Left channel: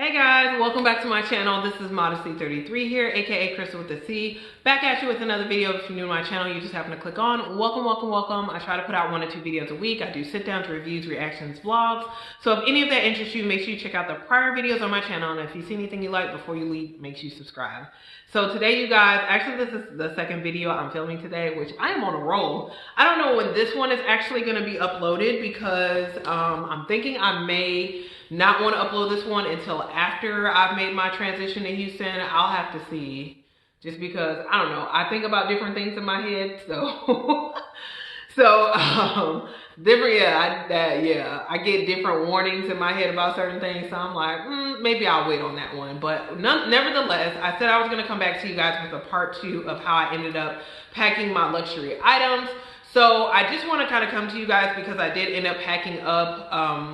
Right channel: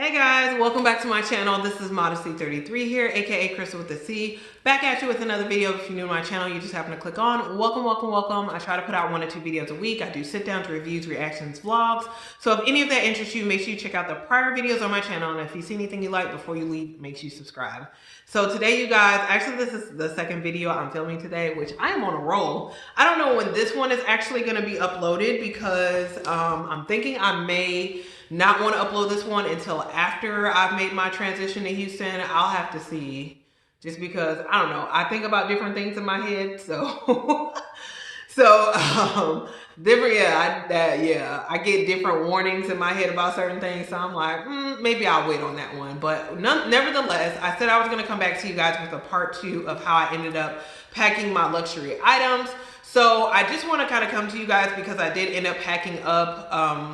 Hey guys, welcome back to my channel. This is Modesty33 here, aka Crystal with a C. Back at you with another video. If you're new to my channel, you just happen to click on. Welcome, welcome, welcome. I try to put out 1 or 2 videos a week. I do sit downs, reviews, reactions, vlogs. So if any of that interests you, make sure you check out the prior videos on my channel. And if you see anything you like before you leave, make sure you subscribe. So today, you guys, actually this is the second video I'm filming today, which I am on a roll. I don't know when this one is actually going to be uploaded because I'm thinking I may not want to upload this one until after I've made my transition to Houston. I'll have to see, just because I don't know, I think about different things in my head, so different. I get different warnings in my head about certain things, so I'm like, maybe I'll wait on that one. But nevertheless, I said I was going to come back to you guys with a part 2 of how I ended up packing my luxury items. So I just want to kind of come to you guys because I did end up packing up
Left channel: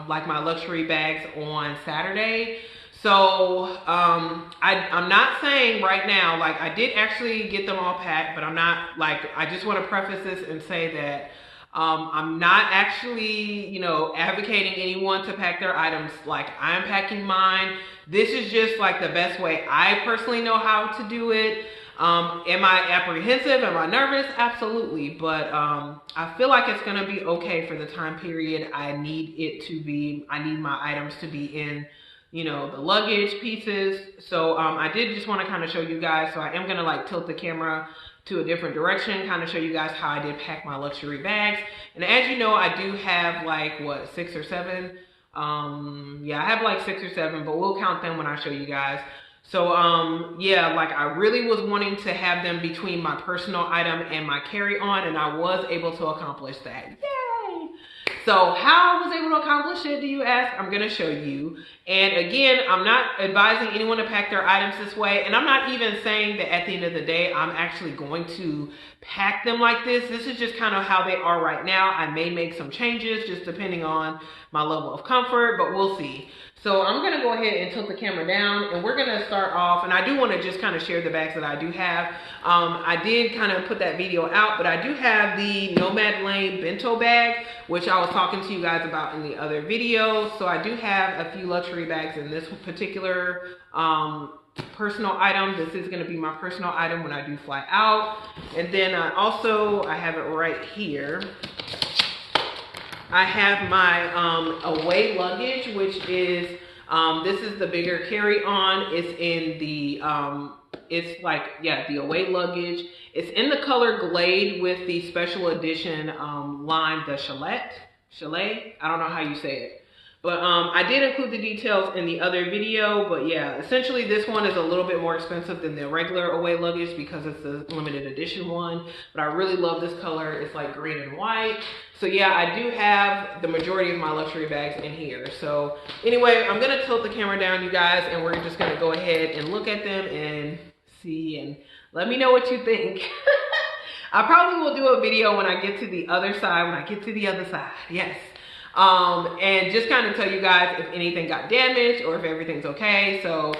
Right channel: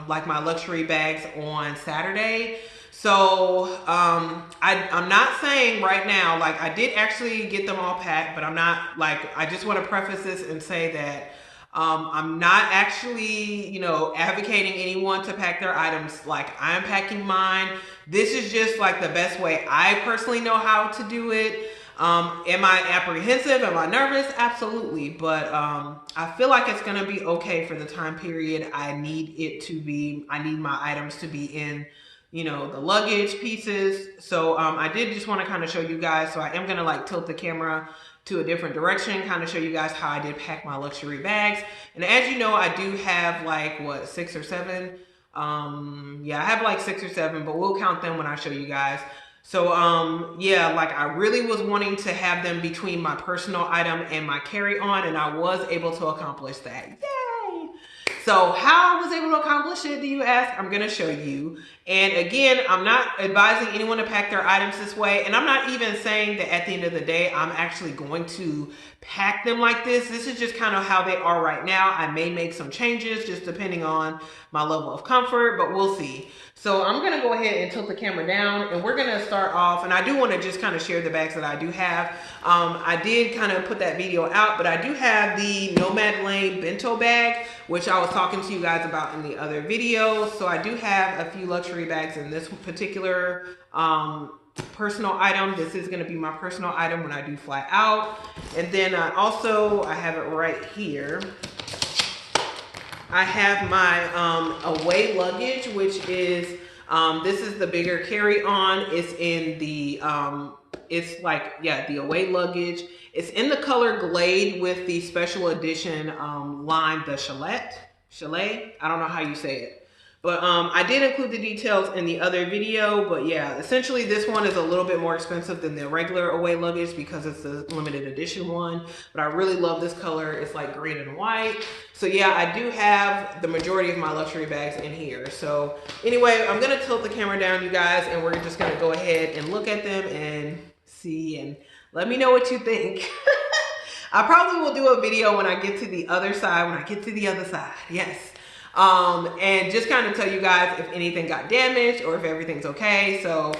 like my luxury bags on Saturday. So I'm not saying right now, like I did actually get them all packed, but I'm not like, I just want to preface this and say that I'm not actually, you know, advocating anyone to pack their items like I'm packing mine. This is just like the best way I personally know how to do it. Am I apprehensive? Am I nervous? Absolutely. But I feel like it's going to be okay for the time period I need it to be. I need my items to be in, you know, the luggage pieces. So I did just want to kind of show you guys. So I am going to like tilt the camera to a different direction, kind of show you guys how I did pack my luxury bags. And as you know, I do have like, what, 6 or 7? Yeah, I have like 6 or 7, but we'll count them when I show you guys. So, yeah, like I really was wanting to have them between my personal item and my carry-on, and I was able to accomplish that. Yay! So how I was able to accomplish it, do you ask? I'm going to show you. And again, I'm not advising anyone to pack their items this way. And I'm not even saying that at the end of the day, I'm actually going to pack them like this. This is just kind of how they are right now. I may make some changes just depending on my level of comfort, but we'll see. So I'm going to go ahead and tilt the camera down, and we're going to start off. And I do want to just kind of share the bags that I do have. I did kind of put that video out, but I do have the Nomad Lane bento bag, which I was talking to you guys about in the other video. So I do have a few luxury bags in this particular personal item. This is going to be my personal item when I do fly out. And then I have it right here. I have my away luggage, which is, this is the bigger carry-on. It's in the, it's like, yeah, the away luggage. It's in the color Glade with the special edition line, the Chalet. I don't know how you say it. But I did include the details in the other video. But yeah, essentially this one is a little bit more expensive than the regular away luggage because it's the limited edition one. But I really love this color. It's like green and white. So yeah, I do have the majority of my luxury bags in here. So anyway, I'm going to tilt the camera down, you guys, and we're just going to go ahead and look at them and see and let me know what you think. I probably will do a video when I get to the other side, yes. And just kind of tell you guys if anything got damaged or if everything's okay. So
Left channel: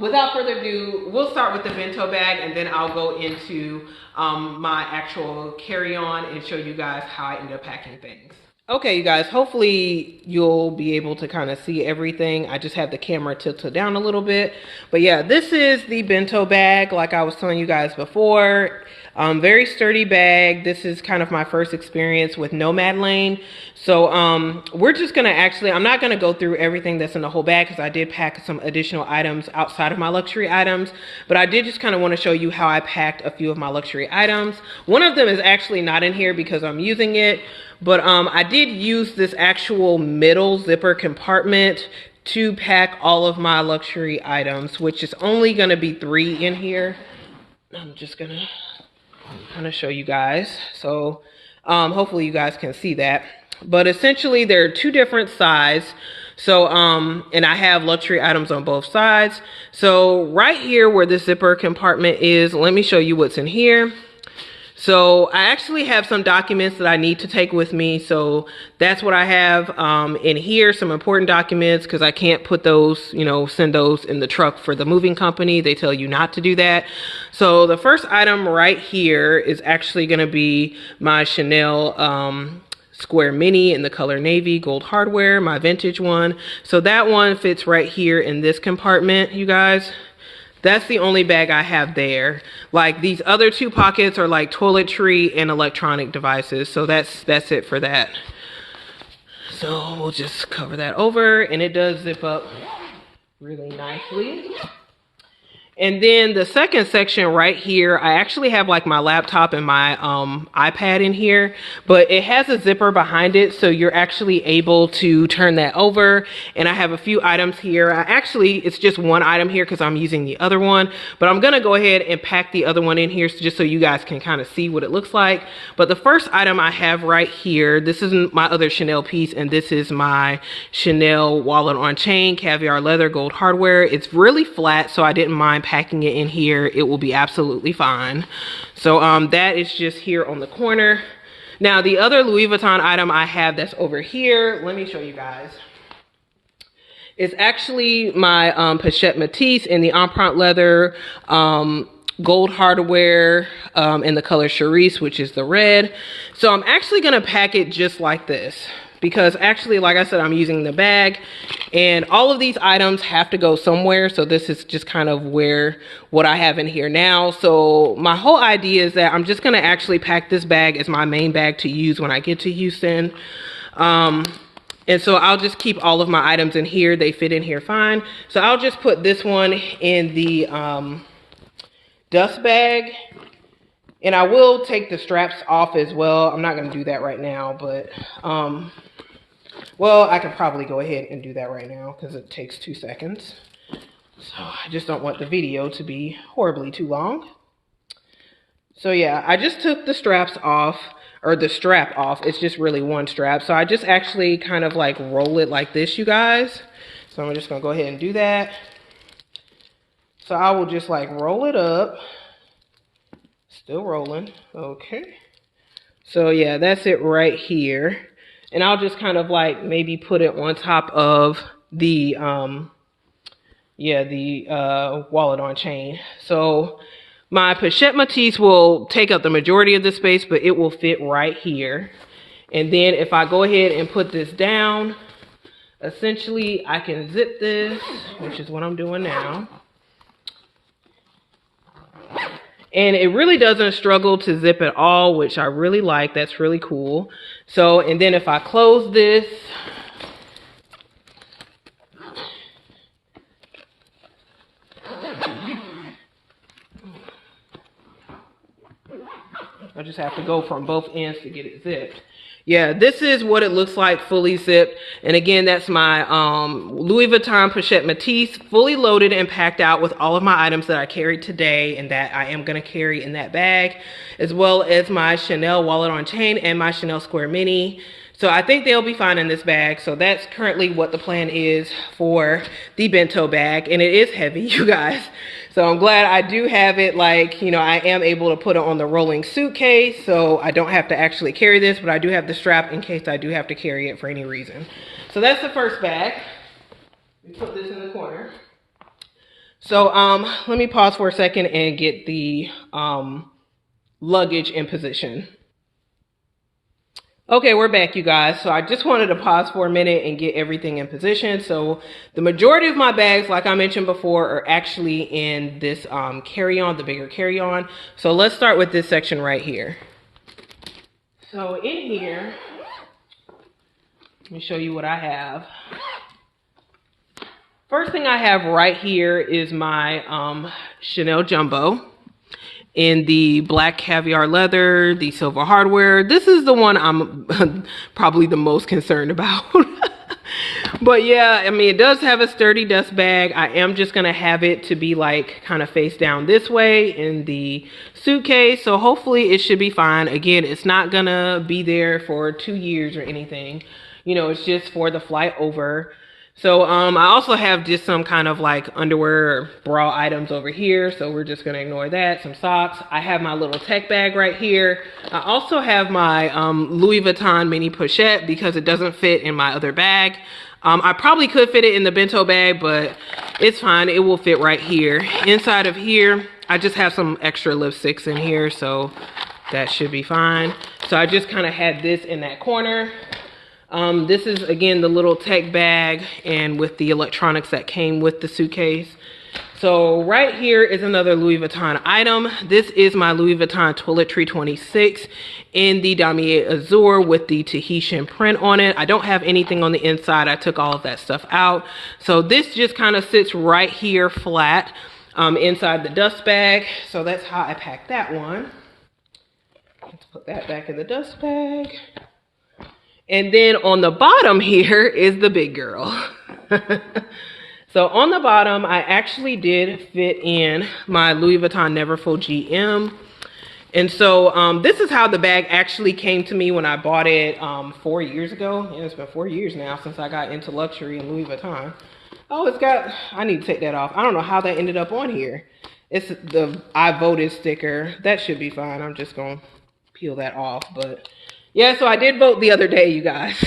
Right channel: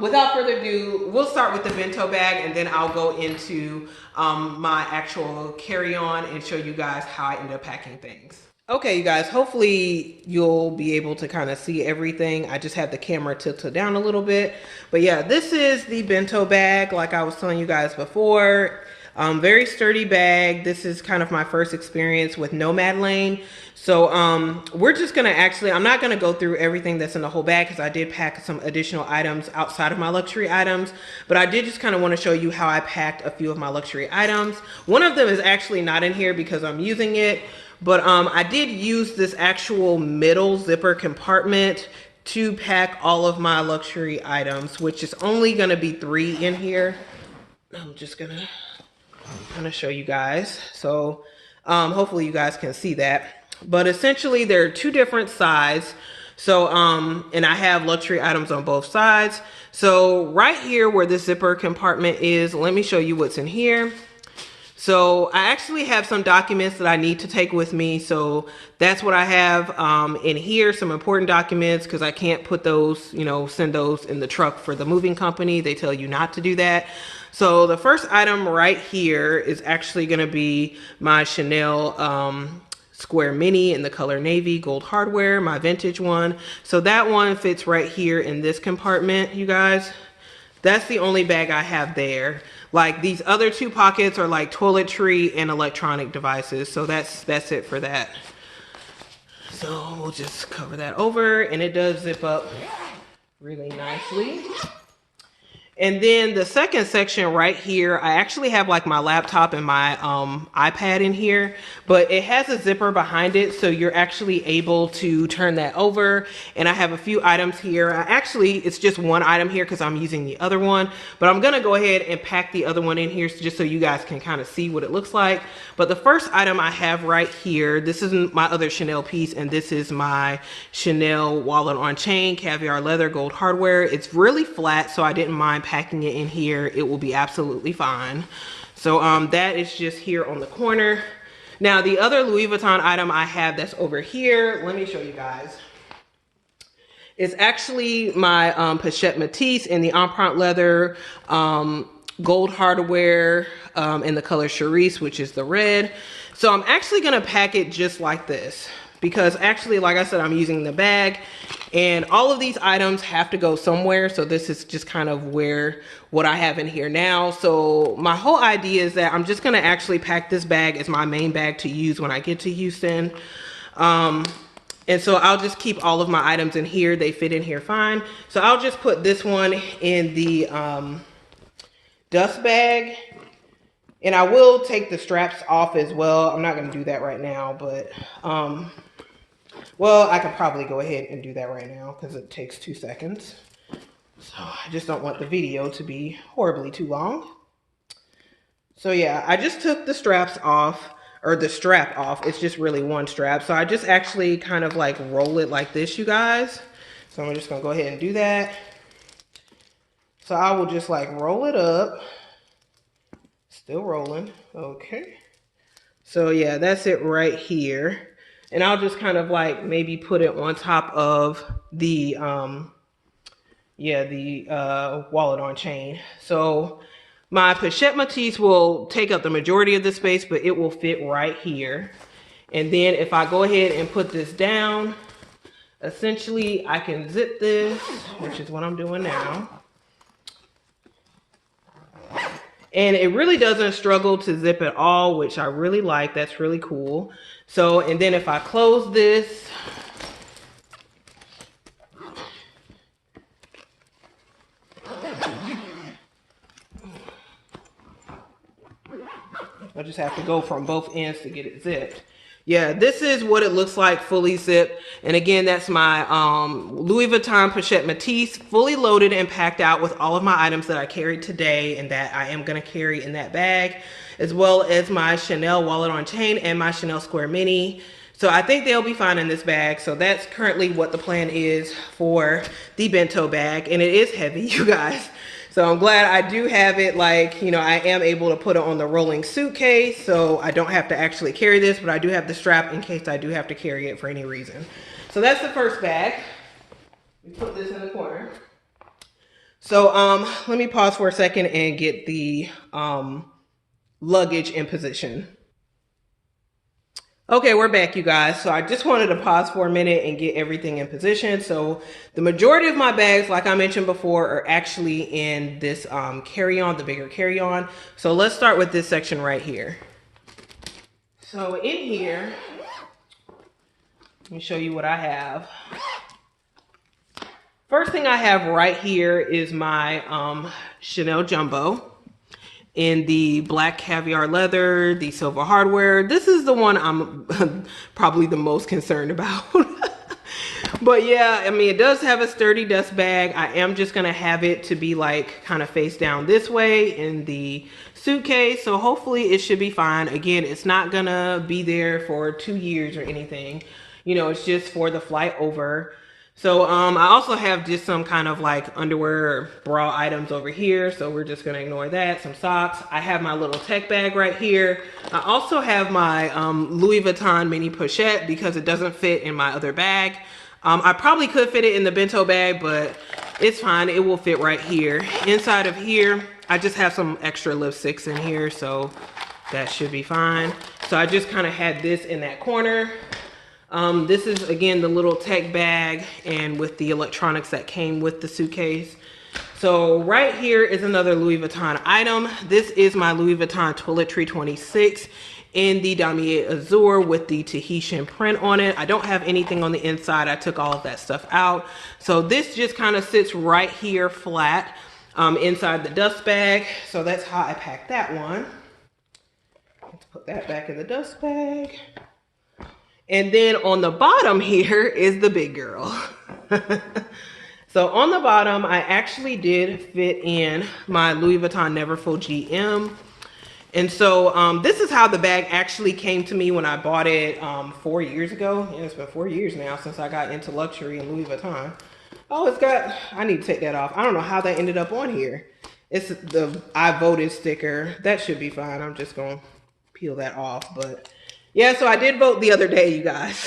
without further ado, we'll start with the bento bag, and then I'll go into my actual carry-on and show you guys how I end up packing things. Okay, you guys, hopefully you'll be able to kind of see everything. I just have the camera tilted down a little bit. But yeah, this is the bento bag, like I was telling you guys before. Very sturdy bag. This is kind of my first experience with Nomad Lane. So we're just going to I'm not going to go through everything that's in the whole bag because I did pack some additional items outside of my luxury items. But I did just kind of want to show you how I packed a few of my luxury items. One of them is actually not in here because I'm using it. But I did use this actual middle zipper compartment to pack all of my luxury items, which is only going to be 3 in here. I'm just going to kind of show you guys. So hopefully you guys can see that. But essentially there are 2 different sides. So and I have luxury items on both sides. So right here where this zipper compartment is, let me show you what's in here. So I actually have some documents that I need to take with me. So that's what I have in here, some important documents, because I can't put those, you know, send those in the truck for the moving company. They tell you not to do that. So the first item right here is actually going to be my Chanel Square Mini in the color navy, gold hardware, my vintage one. So that one fits right here in this compartment, you guys. That's the only bag I have there. Like these other two pockets are like toiletry and electronic devices. So that's it for that. So we'll just cover that over, and it does zip up really nicely. And then the second section right here, I actually have like my laptop and my iPad in here, but it has a zipper behind it, so you're actually able to turn that over. And I have a few items here. It's just one item here because I'm using the other one, but I'm gonna go ahead and pack the other one in here just so you guys can kind of see what it looks like. But the first item I have right here, this is my other Chanel piece, and this is my Chanel wallet on chain, caviar leather, gold hardware. It's really flat, so I didn't mind packing it in here. It will be absolutely fine. So that is just here on the corner. Now the other Louis Vuitton item I have that's over here, let me show you guys. It's actually my Pochette Matisse in the empreinte leather, gold hardware in the color Charisse, which is the red. So I'm actually gonna pack it just like this, because actually, like I said, I'm using the bag, and all of these items have to go somewhere. So this is just kind of what I have in here now. So my whole idea is that I'm just gonna actually pack this bag as my main bag to use when I get to Houston. And so I'll just keep all of my items in here. They fit in here fine. So I'll just put this one in the dust bag. And I will take the straps off as well. I'm not gonna do that right now, but well, I could probably go ahead and do that right now because it takes 2 seconds. So I just don't want the video to be horribly too long. So yeah, I just took the straps off, or the strap off. It's just really one strap. So I just actually kind of like roll it like this, you guys. So I'm just gonna go ahead and do that. So I will just like roll it up. Still rolling, okay. So yeah, that's it right here. And I'll just kind of like maybe put it on top of the, wallet on chain. So my Pochette Matisse will take up the majority of the space, but it will fit right here. And then if I go ahead and put this down, essentially I can zip this, which is what I'm doing now. And it really doesn't struggle to zip at all, which I really like. That's really cool. So, and then if I close this, I just have to go from both ends to get it zipped. Yeah, this is what it looks like fully zipped. And again, that's my Louis Vuitton Pochette Matisse, fully loaded and packed out with all of my items that I carried today and that I am going to carry in that bag, as well as my Chanel wallet on chain and my Chanel Square Mini. So I think they'll be fine in this bag. So that's currently what the plan is for the bento bag. And it is heavy, you guys. So I'm glad I do have it, like, you know, I am able to put it on the rolling suitcase, so I don't have to actually carry this, but I do have the strap in case I do have to carry it for any reason. So that's the first bag. Let me put this in the corner. So let me pause for a second and get the luggage in position. Okay, we're back, you guys. So I just wanted to pause for a minute and get everything in position. So the majority of my bags, like I mentioned before, are actually in this carry-on, the bigger carry-on. So let's start with this section right here. So in here, let me show you what I have. First thing I have right here is my Chanel Jumbo in the black caviar leather, the silver hardware. This is the one I'm probably the most concerned about. But yeah, I mean, it does have a sturdy dust bag. I am just gonna have it to be like kind of face down this way in the suitcase. So hopefully it should be fine. Again, it's not gonna be there for 2 years or anything. You know, it's just for the flight over. So I also have just some kind of like underwear or bra items over here. So we're just going to ignore that. Some socks. I have my little tech bag right here. I also have my Louis Vuitton mini pochette because it doesn't fit in my other bag. I probably could fit it in the bento bag, but it's fine. It will fit right here. Inside of here, I just have some extra lipsticks in here. So That should be fine. So I just kind of had this in that corner. This is, again, the little tech bag and with the electronics that came with the suitcase. So right here is another Louis Vuitton item. This is my Louis Vuitton Toiletry 26 in the Damier Azur with the Tahitian print on it. I don't have anything on the inside. I took all of that stuff out. So this just kind of sits right here flat inside the dust bag. So that's how I packed that one. Let's put that back in the dust bag. And then on the bottom here is the big girl. So on the bottom, I actually did fit in my Louis Vuitton Neverfull GM. And so this is how the bag actually came to me when I bought it 4 years ago. And it's been 4 years now since I got into luxury and Louis Vuitton. Oh, it's got, I need to take that off. I don't know how that ended up on here. It's the I voted sticker. That should be fine. I'm just going to peel that off. But yeah, so I did vote the other day, you guys.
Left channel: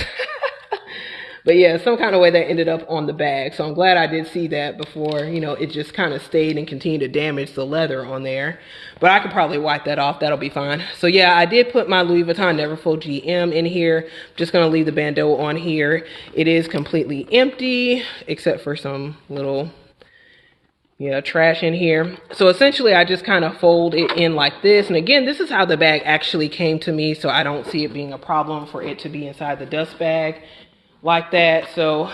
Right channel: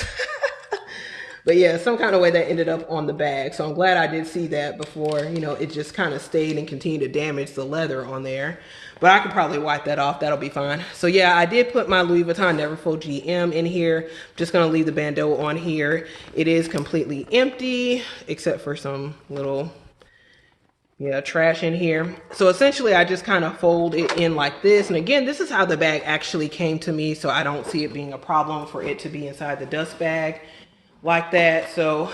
But yeah, some kind of way that ended up on the bag. So I'm glad I did see that before, you know, it just kind of stayed and continued to damage the leather on there. But I could probably wipe that off. That'll be fine. So yeah, I did put my Louis Vuitton Neverfull GM in here. Just going to leave the bandeau on here. It is completely empty, except for some little, yeah, trash in here. So essentially, I just kind of fold it in like this. And again, this is how the bag actually came to me. So I don't see it being a problem for it to be inside the dust bag like that. So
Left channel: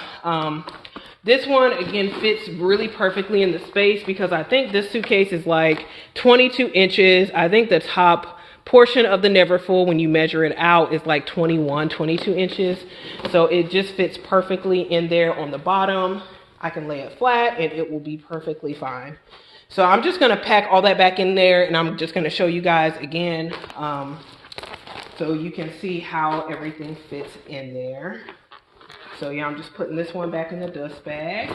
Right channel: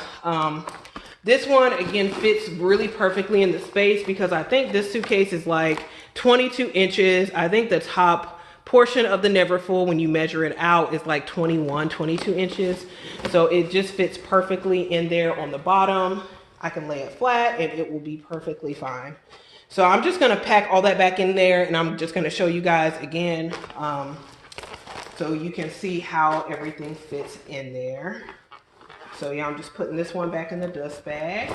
this one again fits really perfectly in the space because I think this suitcase is like 22 inches. I think the top portion of the Neverfull, when you measure it out, is like 22 inches. So it just fits perfectly in there on the bottom. I can lay it flat and it will be perfectly fine. So I'm just going to pack all that back in there, and I'm just going to show you guys again so you can see how everything fits in there. So yeah, I'm just putting this one back in the dust bag.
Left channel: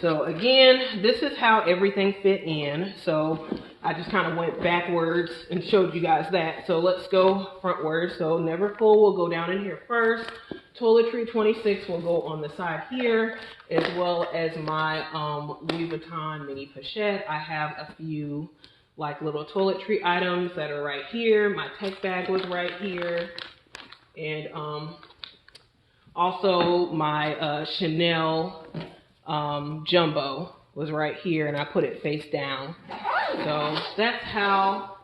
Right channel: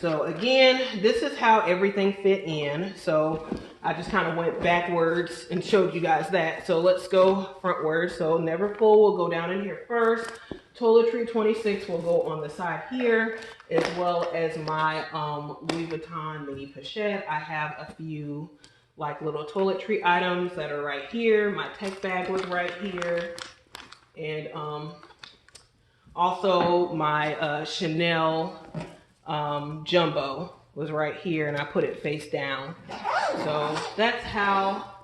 So again, this is how everything fit in. So I just kind of went backwards and showed you guys that. So let's go frontwards. So Neverfull will go down in here first. Toiletry 26 will go on the side here, as well as my Louis Vuitton mini pochette. I have a few like little toiletry items that are right here. My tech bag was right here. And also my Chanel jumbo was right here, and I put it face down. So that's how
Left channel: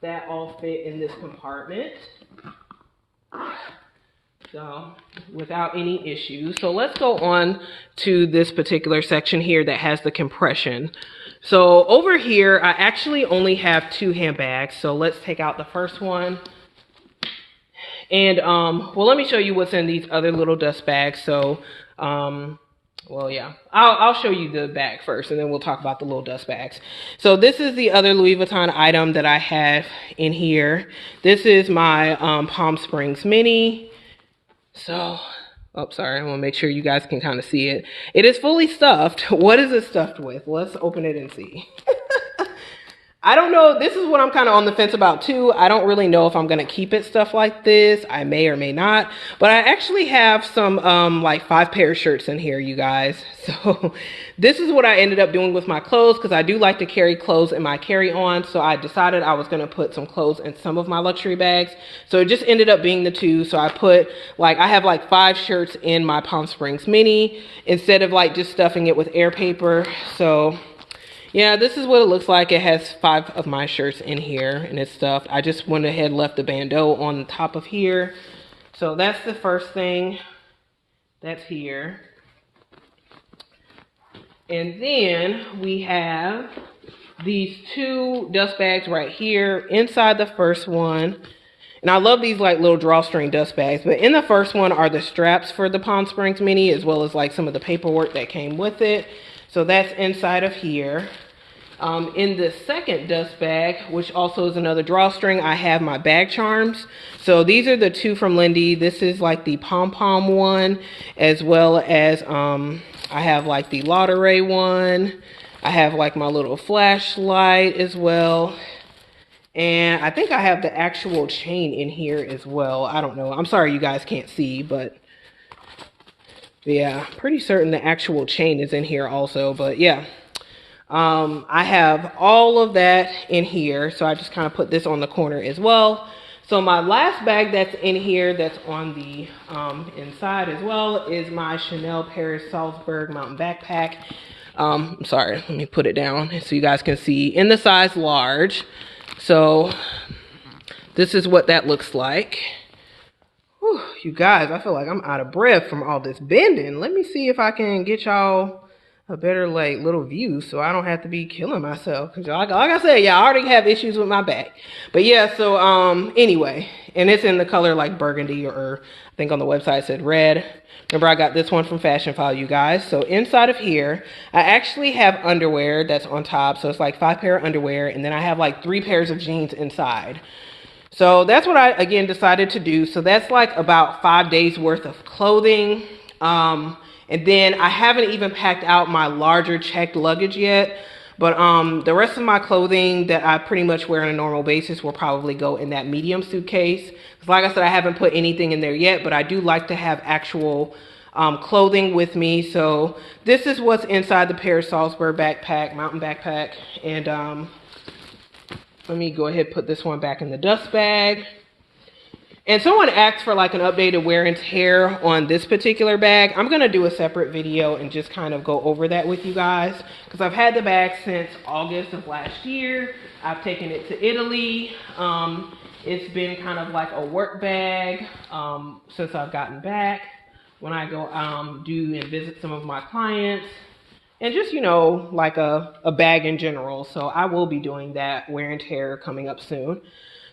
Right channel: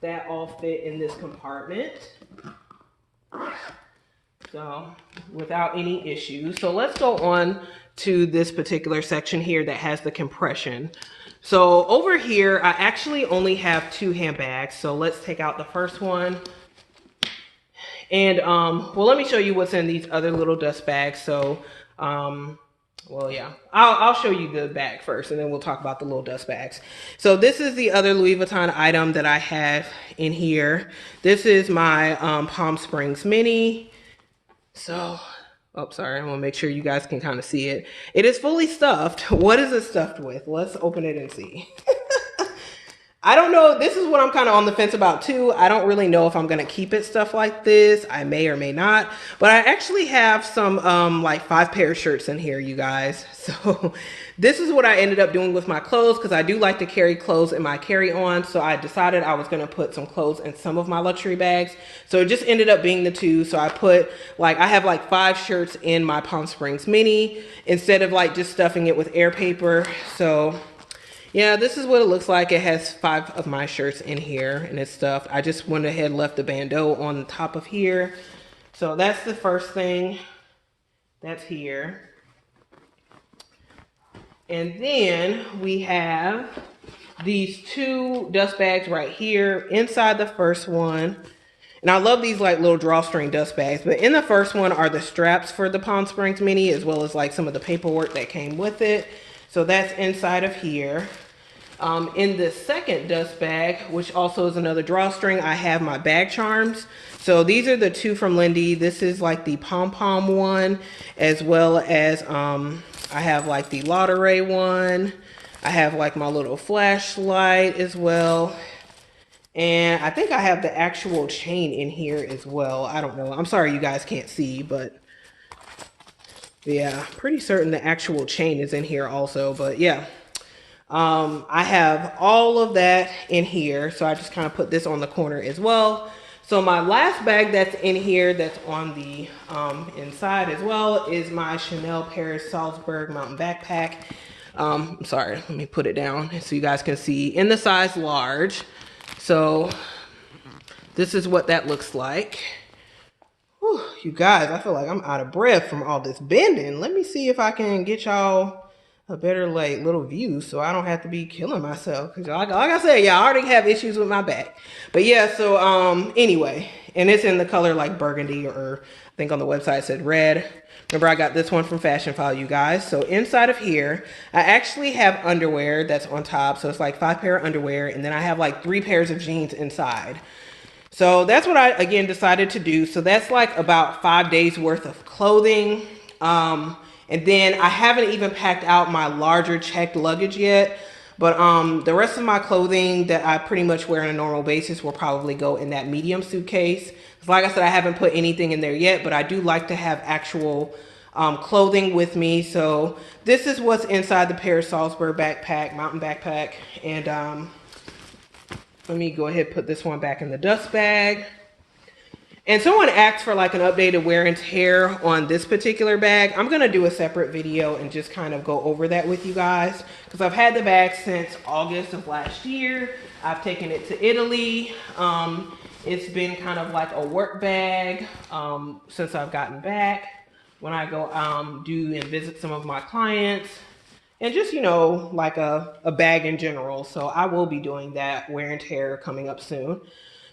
that all fit in this compartment. So without any issues. So let's go on to this particular section here that has the compression. So over here, I actually only have 2 handbags. So let's take out the first one. And, well, let me show you what's in these other little dust bags. So, well, yeah, I'll show you the bag first, and then we'll talk about the little dust bags. So this is the other Louis Vuitton item that I have in here. This is my Palm Springs mini. So, oh, sorry, I want to make sure you guys can kind of see it. It is fully stuffed. What is it stuffed with? Let's open it and see. I don't know. This is what I'm kind of on the fence about too. I don't really know if I'm going to keep it stuff like this. I may or may not. But I actually have some like 5 pair of shirts in here, you guys. So this is what I ended up doing with my clothes, because I do like to carry clothes in my carry-on. So I decided I was going to put some clothes in some of my luxury bags. So it just ended up being the 2. So I put like, I have like 5 shirts in my Palm Springs mini instead of like just stuffing it with air paper. So yeah, this is what it looks like. It has 5 of my shirts in here and it's stuffed. I just went ahead and left the bandeau on the top of here. So that's the first thing that's here. And then we have these 2 dust bags right here inside the first one. And I love these like little drawstring dust bags, but in the first one are the straps for the Palm Springs mini, as well as like some of the paperwork that came with it. So that's inside of here. In the second dust bag, which also is another drawstring, I have my bag charms. So these are the 2 from Lindy. This is like the pom-pom one, as well as I have like the Lauderay one. I have like my little flashlight as well. And I think I have the actual chain in here as well. I don't know. I'm sorry you guys can't see, but yeah, pretty certain the actual chain is in here also. But yeah. I have all of that in here, so I just kind of put this on the corner as well. So my last bag that's in here that's on the inside as well is my Chanel Paris Salzburg Mountain Backpack. I'm sorry, let me put it down so you guys can see in the size large. So this is what that looks like. Whew, you guys, I feel like I'm out of breath from all this bending. Let me see if I can get y'all a better like little view so I don't have to be killing myself. Cause like I said, yeah, I already have issues with my back. But yeah, so anyway, and it's in the color like burgundy, or I think on the website it said red. Remember, I got this one from Fashion File, you guys. So inside of here, I actually have underwear that's on top. So it's like 5 pair of underwear, and then I have like 3 pairs of jeans inside. So that's what I, again, decided to do. So that's like about 5 days worth of clothing. And then I haven't even packed out my larger checked luggage yet. But the rest of my clothing that I pretty much wear on a normal basis will probably go in that medium suitcase. Because like I said, I haven't put anything in there yet, but I do like to have actual clothing with me. So this is what's inside the Paris Salzburg backpack, mountain backpack. And let me go ahead and put this one back in the dust bag. And someone asked for like an updated wear and tear on this particular bag. I'm going to do a separate video and just kind of go over that with you guys. Because I've had the bag since August of last year. I've taken it to Italy. It's been kind of like a work bag since I've gotten back. When I go do and visit some of my clients. And just, you know, like a bag in general. So I will be doing that wear and tear coming up soon.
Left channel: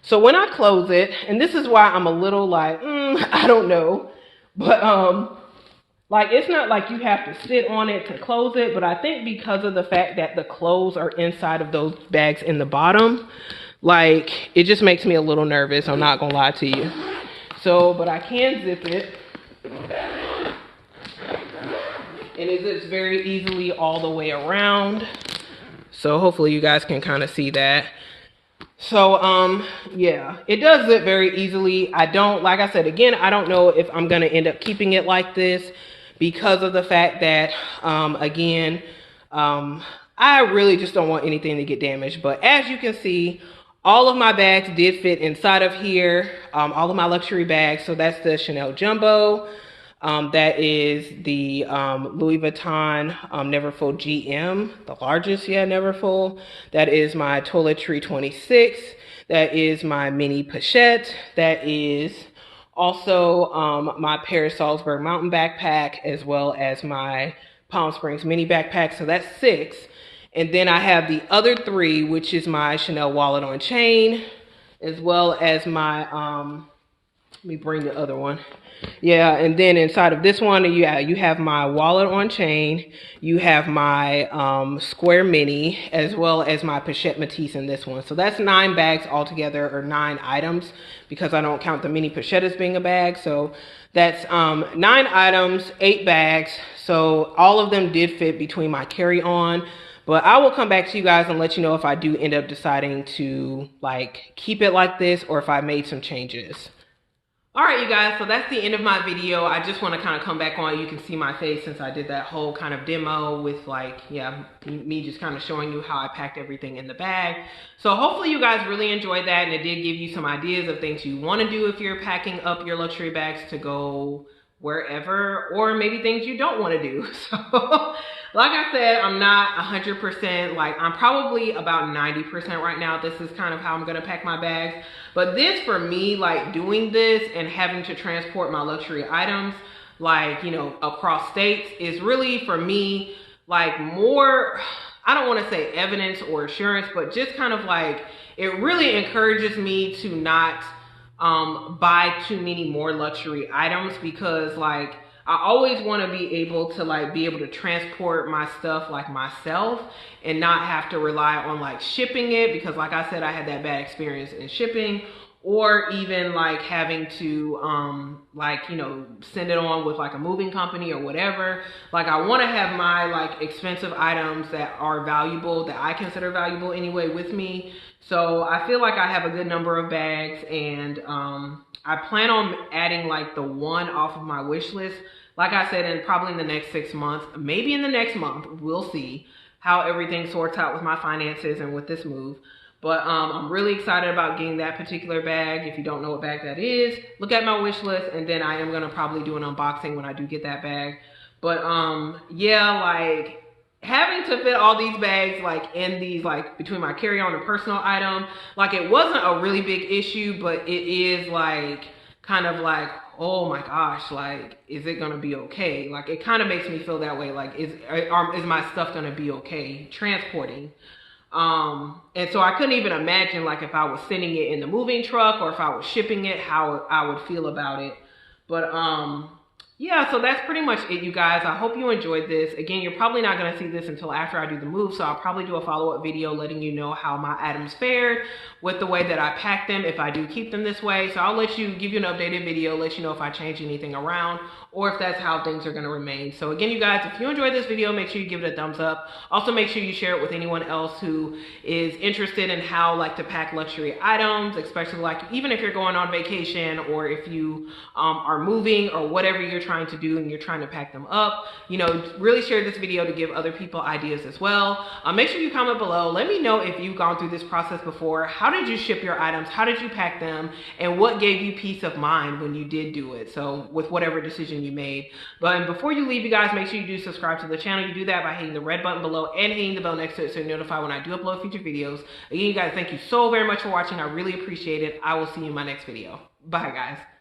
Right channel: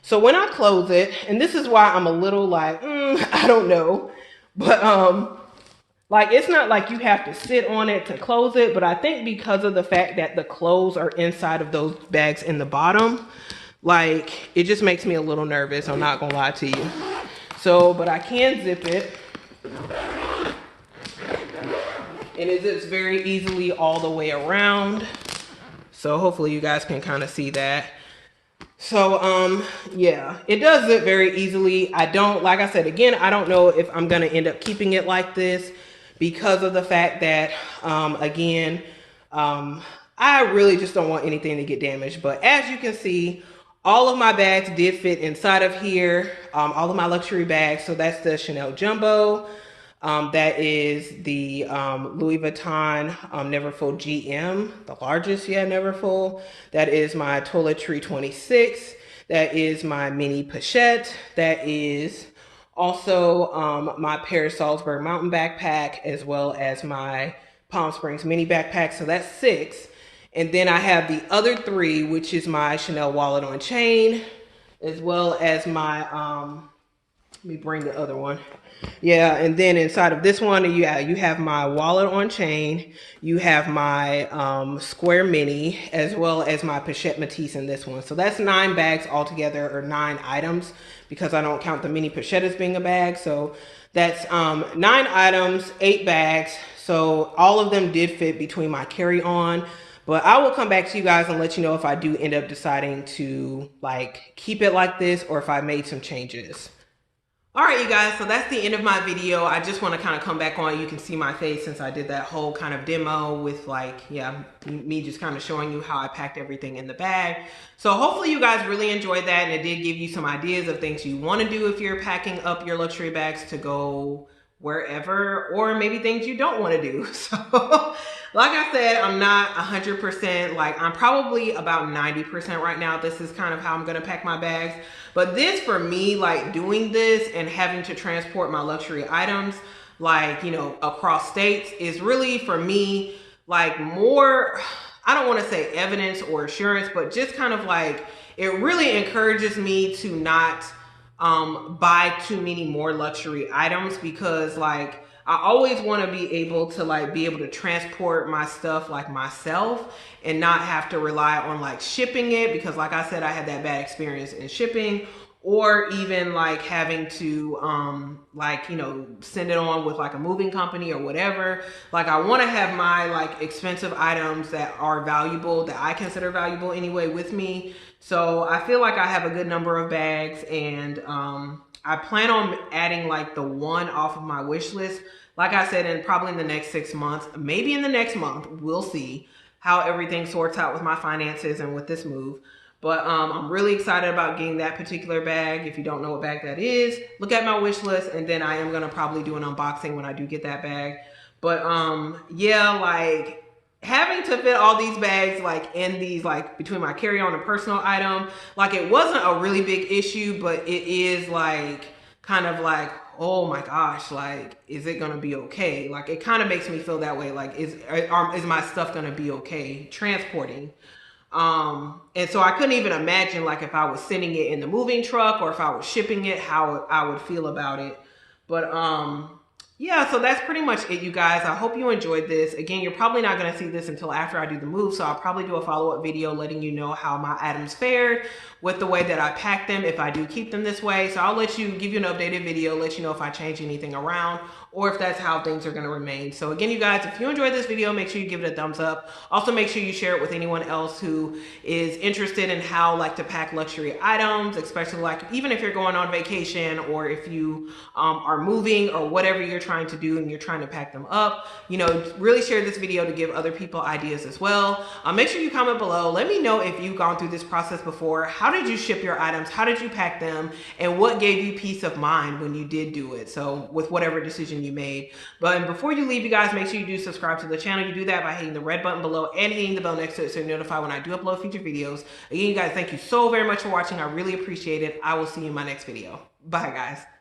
So when I close it, and this is why I'm a little like, I don't know. But like, it's not like you have to sit on it to close it. But I think because of the fact that the clothes are inside of those bags in the bottom, like, it just makes me a little nervous. I'm not going to lie to you. So, but I can zip it. And it zips very easily all the way around. So hopefully you guys can kind of see that. So, yeah, it does zip very easily. I don't, like I said, again, I don't know if I'm going to end up keeping it like this because of the fact that, again, I really just don't want anything to get damaged. But as you can see, all of my bags did fit inside of here. All of my luxury bags. So that's the Chanel Jumbo. That is the Louis Vuitton Neverfull GM, the largest yet Neverfull. That is my Toiletry 26. That is my mini pochette. That is also my Paris Salzburg mountain backpack, as well as my Palm Springs mini backpack. So that's 6. And then I have the other 3, which is my Chanel wallet on chain, as well as my, let me bring the other one. Yeah, and then inside of this one, you have my wallet on chain, you have my square mini, as well as my pochette Matisse in this one. So that's 9 bags altogether, or 9 items, because I don't count the mini pochette as being a bag. So that's 9 items, 8 bags. So all of them did fit between my carry-on. But I will come back to you guys and let you know if I do end up deciding to like keep it like this, or if I made some changes. All right, you guys, so that's the end of my video. I just want to kind of come back on. You can see my face since I did that whole kind of demo with like, yeah, me just kind of showing you how I packed everything in the bag. So hopefully you guys really enjoyed that, and it did give you some ideas of things you want to do if you're packing up your luxury bags to go wherever, or maybe things you don't want to do. So like I said, I'm not 100%, like I'm probably about 90% right now. This is kind of how I'm going to pack my bags. But this, for me, like doing this and having to transport my luxury items, like, you know, across states is really, for me, like more, I don't want to say evidence or assurance, but just kind of like, it really encourages me to not buy too many more luxury items, because like I always want to be able to transport my stuff like myself and not have to rely on like shipping it, because like I said, I had that bad experience in shipping, or even like having to like, you know, send it on with like a moving company or whatever. Like I want to have my like expensive items that are valuable, that I consider valuable anyway, with me. So I feel like I have a good number of bags, and I plan on adding like the one off of my wish list. Like I said, probably in the next 6 months, maybe in the next month, we'll see. how everything sorts out with my finances and with this move. But I'm really excited about getting that particular bag. If you don't know what bag that is, look at my wish list, and then I am gonna probably do an unboxing when I do get that bag. But yeah, like having to fit all these bags like in these like between my carry-on and personal item, like it wasn't a really big issue, but it is like kind of like, oh my gosh, like is it gonna be okay? Like it kind of makes me feel that way. Like is my stuff gonna be okay transporting? And so I couldn't even imagine like if I was sending it in the moving truck or if I was shipping it, how I would feel about it. But yeah, so that's pretty much it, you guys. I hope you enjoyed this. Again, you're probably not going to see this until after I do the move, so I'll probably do a follow-up video letting you know how my items fared with the way that I packed them, if I do keep them this way. So I'll give you an updated video, let you know if I change anything around or if that's how things are going to remain. So again, you guys, if you enjoyed this video, make sure you give it a thumbs up. Also, make sure you share it with anyone else who is interested in how like to pack luxury items, especially like even if you're going on vacation or if you are moving or whatever you're trying to do and you're trying to pack them up. You know, really share this video to give other people ideas as well. Make sure you comment below. Let me know if you've gone through this process before. How did you ship your items? How did you pack them? And what gave you peace of mind when you did do it? So with whatever decision you made. But before you leave, you guys, make sure you do subscribe to the channel. You do that by hitting the red button below and hitting the bell next to it so you're notified when I do upload future videos. Again, you guys, thank you so very much for watching. I really appreciate it. I will see you in my next video. Bye, guys.